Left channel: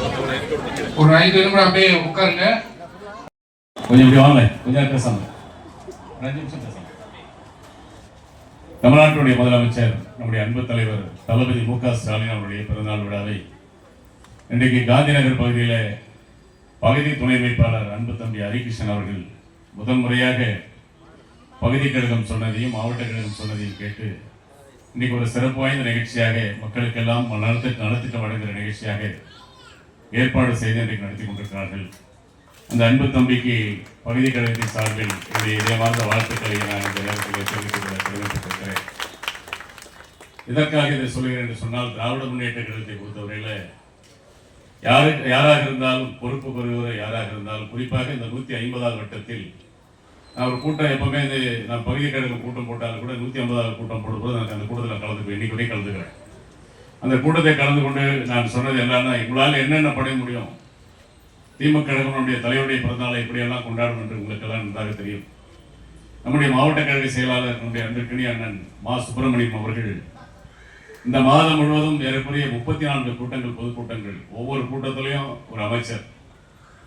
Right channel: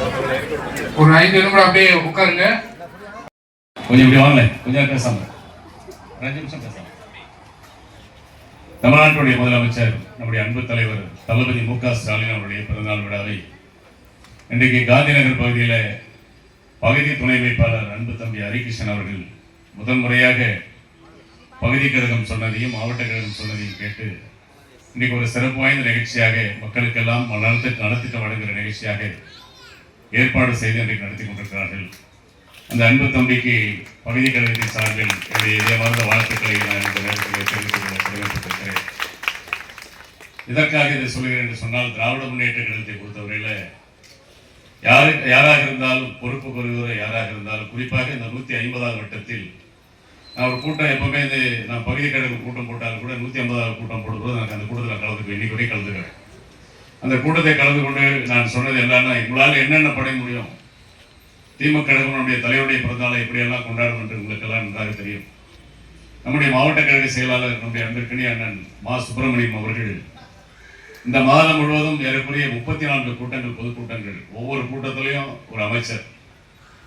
ஒரு 5 நிமிடம் அப்படியே உட்காருங்க. கொஞ்சம் இப்படி வாங்கல, கொஞ்சம் பேசாம 5 நிமிஷம் பேசாம. தமிழ்நாட்டுடைய முதலமைச்சர் நம்முடைய அன்பு தலைவர் தளபதி மு.க. ஸ்டாலின் அவருடைய பிறந்தநாள் விழாவை இன்றைக்கு காந்தி நகர் பகுதியில் பகுதி துணை அமைப்பாளர் அன்பு தம்பி ஹரிகிருஷ்ணன் அவர்கள் முதன்முறையாக பகுதி கழகம் சொன்னதையும் மாவட்ட கழகம் சொன்னதையும் கேட்டு இன்னைக்கு ஒரு சிறப்பு வாய்ந்த நிகழ்ச்சியாக மக்களுக்கெல்லாம் நலத்துக்கு வழங்குகிற நிகழ்ச்சியாக ஏற்பாடு செய்து இன்றைக்கு நடத்தி கொண்டிருக்கிறார்கள். அந்த அன்பு தம்பிக்கு பகுதி கழகத்தின் சார்பில் என்னுடைய இதயமார்ந்த வாழ்த்துக்களை நான் இந்த நேரத்தில் தெரிவித்துக் கொள்ள கடமைப்பட்டிருக்கிறேன். இதற்காக இதை சொல்கிறேன் என்று சொன்னால், திராவிட முன்னேற்ற கழகத்தை பொறுத்தவரையில் யாராக இருந்தாலும் பொறுப்பு பெறுவோர் யாராக இருந்தாலும், குறிப்பாக இந்த 150வது வட்டத்தில் நான் ஒரு கூட்டம் எப்பவுமே நான் பகுதி கழகம் கூட்டம் போட்டாலும் கூட 150வது கூட்டம் போடும்போது எனக்கு அந்த கூட்டத்தில் கலந்துக்குவேன். இன்னைக்கு வரை கலந்துக்கிறேன். அந்த கூட்டத்தை கலந்து கொண்டு நான் சொன்னது என்னன்னா, உங்களால் என்னென்ன படைய முடியும், திமுக கழகத்தினுடைய தலைவருடைய பிறந்தநாளை எப்படியெல்லாம் கொண்டாடும் என்று உங்களுக்கெல்லாம் நன்றாக தெரியும். நம்முடைய மாவட்ட கழக செயலாளர் நம்முடைய அன்பிற்கினி அண்ணன் மா சுப்பிரமணியம் அவர்கள் இந்த மாதம் முழுவதும் ஏறக்குறைய 34 கூட்டங்கள், பொதுக்கூட்டங்கள், ஒவ்வொரு கூட்டத்திலையும் ஒரு அமைச்சர்.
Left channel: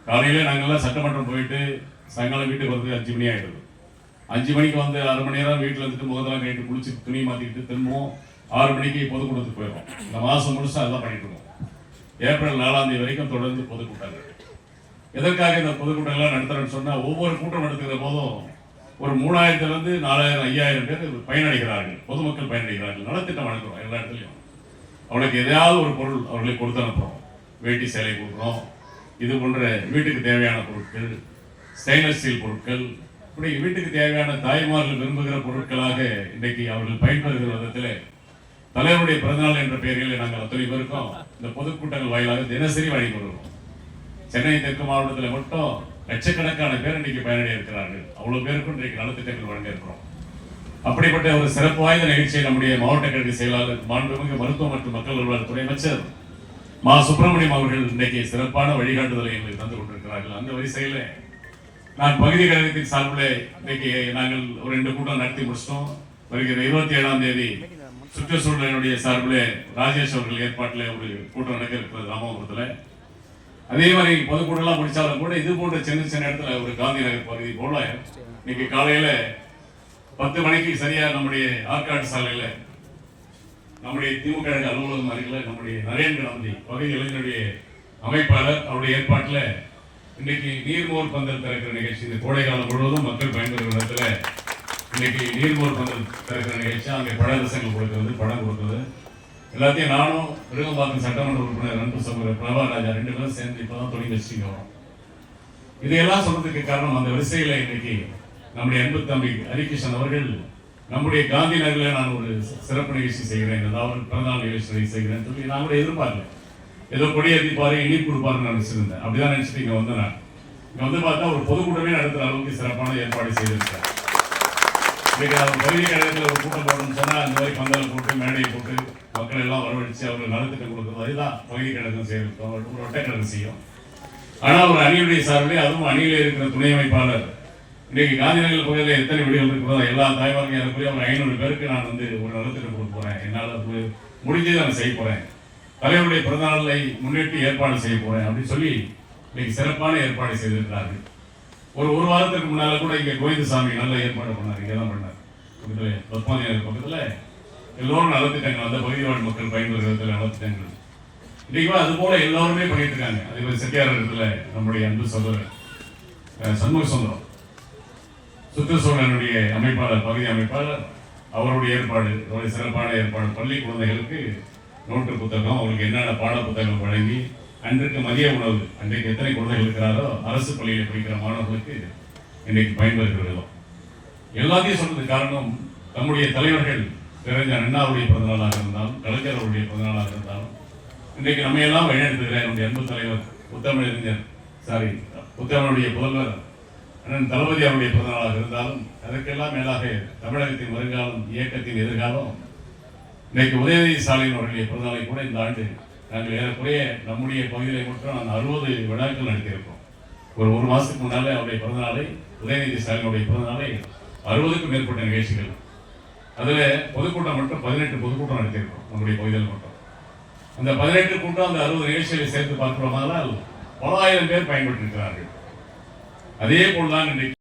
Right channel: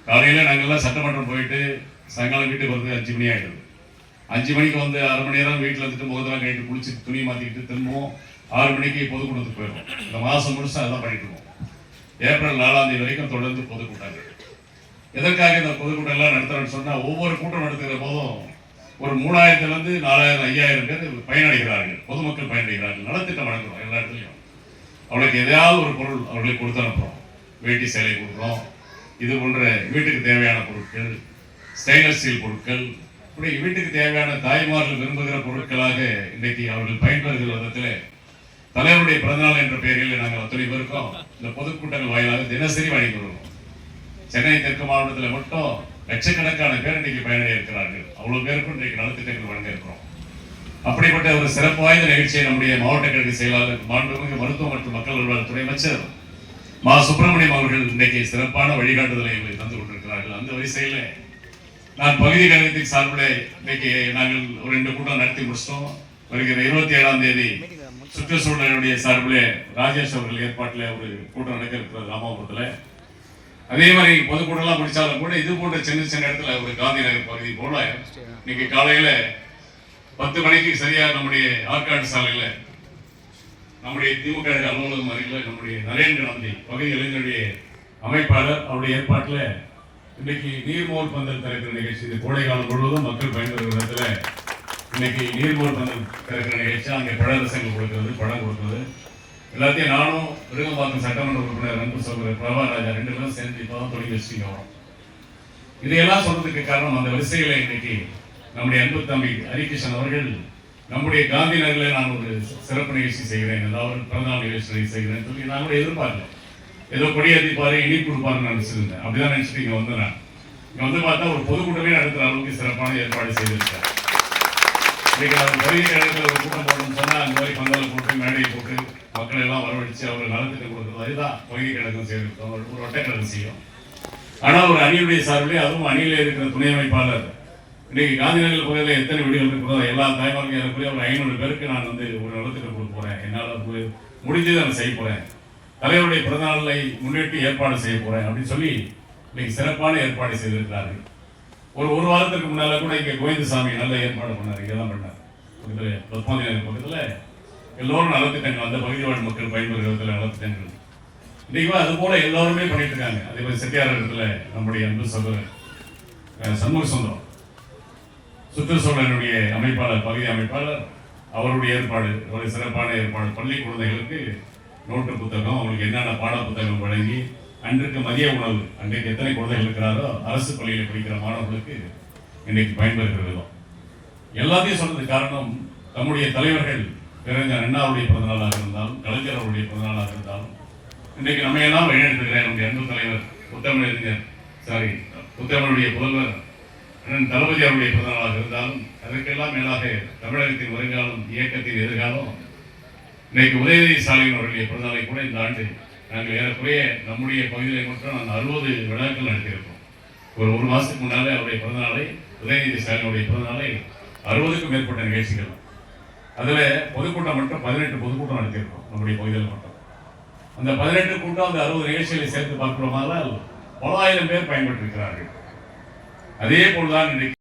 காலையில் நாங்கள்லாம் சட்டமன்றம் போயிட்டு சாயங்காலம் வீட்டுக்கு வரது 5 மணி ஆகிடுது. 5 மணிக்கு வந்து 1/2 மணி நேரம் வீட்டில் வந்துட்டு முகத்தெல்லாம் கழிட்டு குளிச்சு துணி மாற்றிக்கிட்டு திரும்பவும் 6 மணிக்கு பொதுக்கூட்டத்துக்கு போயிடும். இந்த மாதம் முழுசாக அதான் பண்ணிட்டு இருக்கோம். ஏப்ரல் 4ஆம் தேதி வரைக்கும் தொடர்ந்து பொதுக்கூட்டங்கள். எதற்காக இந்த பொதுக்கூட்டங்கள்லாம் நடத்துறோம்னு சொன்னால், ஒவ்வொரு கூட்டம் நடத்துகிற போதும் ஒரு 3000 4000 5000 பேர் பயனடைகிறார்கள், பொதுமக்கள் பயனடைகிறார்கள். நலத்திட்டம் வழங்குறோம் எல்லா இடத்துலையும். அவளுக்கு எதையாவது ஒரு பொருள் அவர்களுக்கு கொடுத்து அனுப்புகிறோம். வேட்டி சேலை கொடுக்குறோம். இது போன்ற வீட்டுக்கு தேவையான பொருட்கள், ஸ்டெயின்லெஸ் ஸ்டீல் பொருட்கள், இப்படி வீட்டுக்கு தேவையான தாய்மார்கள் விரும்புகிற பொருட்களாக இன்றைக்கு அவர்கள் பயன்பெறுகிற விதத்தில் தலைவருடைய பிறந்தநாள் என்ற பெயரில் நாங்கள் அத்தனை பேருக்கும் இந்த பொதுக்கூட்டங்கள் வாயிலாக தினசரி வழங்கி வருவோம். சென்னை தெற்கு மாவட்டத்தில் மட்டும் லட்சக்கணக்கான பேர் இன்றைக்கு பயனடைய இருக்கிறார்கள். அவ்வளவு பேருக்கும் இன்றைக்கு நலத்திட்டங்கள் வழங்க இருக்கிறோம். அப்படிப்பட்ட ஒரு சிறப்பு வாய்ந்த நிகழ்ச்சியை நம்முடைய மாவட்ட கழக செயலாளர் மாண்புமிகு மருத்துவ மற்றும் மக்கள் நல்வாழ்வுத்துறை அமைச்சர் மா சுப்பிரமணியம் அவர்கள் இன்றைக்கு சிறப்பான வழிகாட்டுதலை எங்களுக்கு தந்து கொண்டிருக்கிறார்கள். அந்த வரிசையில் நான் பகுதி கழகத்தின் சார்பில் இன்னைக்கு நாங்கள் ஒரு 2 கூட்டம் நடத்தி முடிச்சிட்டோம். வருகிற 27ஆம் தேதி சுற்றுச்சூழலுடைய சார்பில் ராஜேஷ் அவர்கள் ஏற்பாட்டில் ஒரு கூட்டம் நடக்க இருக்கிறது ராமாபுரத்தில். அதே மாதிரி பொதுக்கூட்டம்லாம் முடிச்சாலும் கூட இது போன்ற சின்ன சின்ன இடத்துல ஒரு காந்தி நகர் பகுதி போல இன்னைக்கு காலையில் 10 மணிக்கு சரியாக நம்முடைய ஆற்காடு சாலையில் நம்முடைய திமுக அலுவலகம் அருகில் நம்முடைய நரேந்திர நம்பி பகுதி இளைஞருடைய அமைப்பாளர் அவருடைய ஏற்பாட்டில் இன்னைக்கு நீர்மோர் பந்தல் திறக்கிற நிகழ்ச்சி. இது கோடை காலம் முழுவதும் மக்கள் பயன்பெறுகிற விதத்தில் இன்னைக்கு நீர்மோர் பந்தல் திறக்கிற நிகழ்ச்சி. அங்கே பழரசங்கள் கொடுக்கிறது, பழம் கொடுக்கிறது, எல்லாத்தையும் நானும் விருகம்பாக்கம் சட்டமன்ற உறுப்பினர் அன்பு சகோதரர் பிரபாராஜா 2 பேரும் சேர்ந்து இப்போ தான் தொடங்கி வச்சுட்டு வரோம். இதையெல்லாம் சொன்னதுக்கு காரணம், அந்த வரிசையில் இன்னைக்கு நம்முடைய அன்பு தம்பி ஹரிகிருஷ்ணன் அவர்கள் நம்முடைய காந்தி நகரில் நான் ஒரு சிறப்பு நிகழ்ச்சி செய்கிறேன், ஏதாவது பிறந்தநாள் நிகழ்ச்சி செய்கிறேன்னு சொல்லி நான் கூட எதிர்பார்க்கல. ஏதோ கொடியேற்றிப்பாரு, இனிப்பு கொடுப்பாருன்னு நினைச்சிருந்தேன். அப்படிதான் நினைச்சிட்டு இங்கே வந்து நான் இங்கே வந்து பார்த்தா ஒரு பொதுக்கூட்டமே நடத்துகிற அளவுக்கு சிறப்பான ஏற்பாடு செய்திருக்கிறேன். இன்னைக்கு அவர் பகுதி கழகத்தில் ஒரு கூட்டம் போடணும்னு சொன்னால் அந்த மாதிரி பந்தலை போட்டு மேடையை போட்டு மக்கள் எல்லாம் வரவழைச்சு அவர்கள் நலத்திட்டம் கொடுக்குறது, அதுதான் பகுதி கழகம் செய்திருக்கோம். ஒரு வட்டக்கழகம் செய்யும். ஆனால் ஒரு அணியுடைய சார்பிலே, அதுவும் அணியில் இருக்கிற துணை அமைப்பாளர் இன்னைக்கு காந்திநகர் பகுதியில் எத்தனை வீடுகள் இருக்கிறதோ எல்லா தாய்மார்கள் ஏறக்குறைய ஒரு 500 பேருக்கு நான் வந்து ஒரு நலத்திட்டம் கொடுக்க போகிறேன். என்னால் முடிஞ்சதை நான் செய்ய போகிறேன். தலைவருடைய பிறந்தநாளை முன்னிட்டு ஏற்பாடு செய்ய போகிறேன் அப்படின்னு சொல்லி இன்னைக்கு சிறப்பான ஏற்பாடு செய்திருக்கிறார்கள். ஒரு வாரத்துக்கு முன்னால கூட இங்கே கோவிந்தசாமி நல்ல ஏற்பாடு பண்ணார். இங்கே தான் பண்ணார். பத்மாவதி நகர் பக்கத்தில் எல்லோரும் நலத்திட்டங்கள், அந்த பகுதி வாழ் மக்கள் பயன்பெறுகிறதுல நலத்திட்டங்கள் இன்னைக்கு அது போல எல்லோருமே பண்ணிட்டு இருக்காங்க. அதே மாதிரி செட்டியார் இடத்துல நம்முடைய அன்பு சகோதரர் சண்முக சுந்தரம் சுற்றுச்சூழலுடைய அமைப்பாளர், பகுதி அமைப்பாளர், அவருடைய ஏற்பாடு ஒரு சிறப்பான ஏற்பாடு. பள்ளி குழந்தைகளுக்கு நோட்டு புத்தகம், அவங்களுக்கு என்னென்ன பாட புத்தகம் வழங்கி அன்றைக்கு மதிய உணவு, அன்றைக்கு எத்தனை குழந்தைகள் இருக்கிறாரோ அரசு பள்ளியில் படிக்கிற மாணவர்களுக்கு இன்றைக்கு பயன்பெறுகிற விதம் எல்லாத்தையும் சொன்னது காரணம், நம்முடைய தலைவர்கள் கலைஞர் அண்ணாவுடைய பிறந்தநாளாக இருந்தாலும், கலைஞர் அவருடைய பிறந்தநாளாக இருந்தாலும், இன்றைக்கு நம்ம எல்லாம் வழிநடத்துகிற நம்முடைய அன்பு தலைவர் புத்தமிழுடைய புதல்வர் அண்ணன் தளபதி அவருடைய பிறந்தநாளாக இருந்தாலும், அதற்கெல்லாம் மேலாக தமிழகத்தின் வருங்காலம், இயக்கத்தின் எதிர்காலம், இன்றைக்கு உதயநிதி ஸ்டாலின் அவருடைய பிறந்தநாளை கூட இந்த ஆண்டு நாங்கள் ஏறக்குறைய நம்முடைய பகுதியில் மட்டும் நாங்கள் 60 விழாக்கள் நடத்தியிருக்கோம். ஒரு மாதத்துக்கு முன்னாலே அவருடைய பிறந்தநாளை, உதயநிதி ஸ்டாலினுடைய பிறந்தநாளை 60க்கும் மேற்பட்ட நிகழ்ச்சிகள். அதில் பொதுக்கூட்டம் மட்டும் 18 பொதுக்கூட்டம் நடத்தியிருக்கோம் நம்முடைய பகுதியில் மட்டும். அந்த 18 கூட்டம் அந்த 60 நிகழ்ச்சிகளை சேர்த்து பார்க்கிறோமானால் பல ஆயிரம் பேர் பயன்பட்டிருக்கிறார்கள். அதே போல்தான் இன்றைக்கு